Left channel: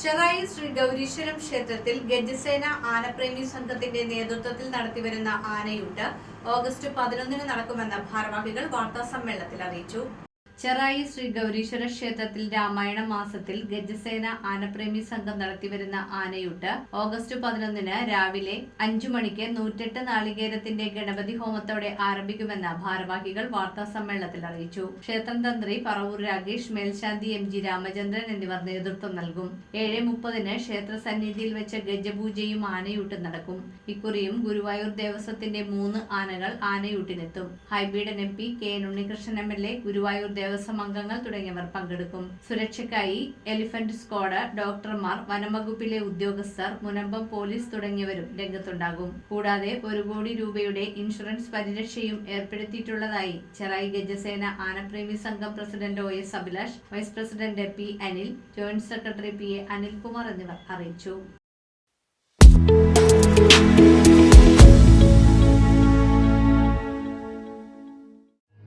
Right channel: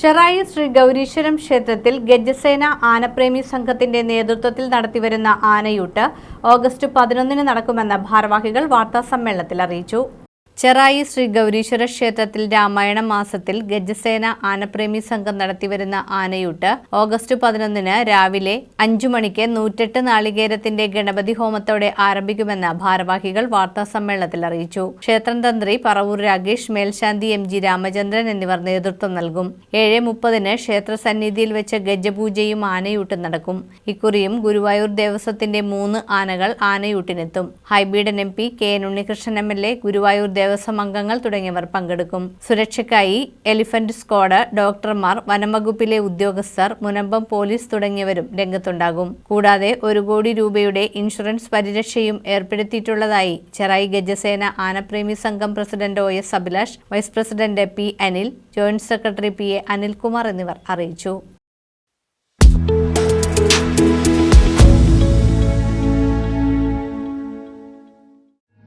ചെറായി ശ്രീ ഗൗരീശ്വരം ക്ഷേത്രത്തിൽ ഗജസേന ആനപ്രേമി സംഘത്തിന്റെ നേതൃത്വത്തിൽ നടത്തിവരുന്ന ആനയൂട്ട് ഓഗസ്റ്റ് പതിനൊന്നിന് നടക്കുമെന്ന് ഭാരവാഹികൾ വാർത്താസമ്മേളനത്തിൽ അറിയിച്ചു ചെറായി ശ്രീ ഗൗരീശ്വര ക്ഷേത്രത്തിൽ രാമായണ മാസത്തിൽ ഗജസേന ആനപ്രേമി സംഘം നടത്തിവരുന്ന ആനയൂട്ട് ഓഗസ്റ്റ് പതിനൊന്നിന് രാവിലെ അഞ്ചു മണിക്ക് നൂറ്റെട്ട് നാളികേരത്തിന്റെ ഗണപതി ഹോമത്തോടെ ആരംഭിക്കുമെന്ന് ഭാരവാഹികൾ വാർത്താ സമ്മേളനത്തിൽ അറിയിച്ചു. ക്ഷേത്രം തന്ത്രി പറവൂർ രാകേഷ് മേൽശാന്തി എം ജി രാമചന്ദ്രൻ എന്നിവർ നേതൃത്വം നൽകും. ഏഴ് മുപ്പതിന് ക്ഷേത്ര സന്നിധിയിൽ വെച്ച് ഗജപൂജയും ആനയൂട്ടും നടക്കും. ഇക്കുറിയും ഗുരുവായൂർ ദേവസ്വത്തിന്റെ മൂന്ന് ആനകൾ ആനയൂട്ടിനെത്തും. Hibi Eden M P K N Unnikrishnan M L A Guruvayur Devaswom അംഗങ്ങൾ തുടങ്ങിയവർ പങ്കെടുക്കും. സുരക്ഷയ്ക്കായി എലിഫന്റ് സ്ക്വാഡ് ഡോക്ടർമാർ വനംവകുപ്പിലെ ഉദ്യോഗസ്ഥർ മുനമ്പം പോലീസ് തുടങ്ങിയവരും രംഗത്തുണ്ടാകും. കൂടാതെ ഒരു കോടി രൂപയുടെ ഇൻഷുറൻസ് പരിരക്ഷയും ഏർപ്പെടുത്തിയിട്ടുള്ളതായി ചെറായി ഗജസേന ആനപ്രേമി സംഘം president O S Abhilash vice president P Anil joint secretary P A Anilkumar എന്നിവർ അറിയിച്ചു.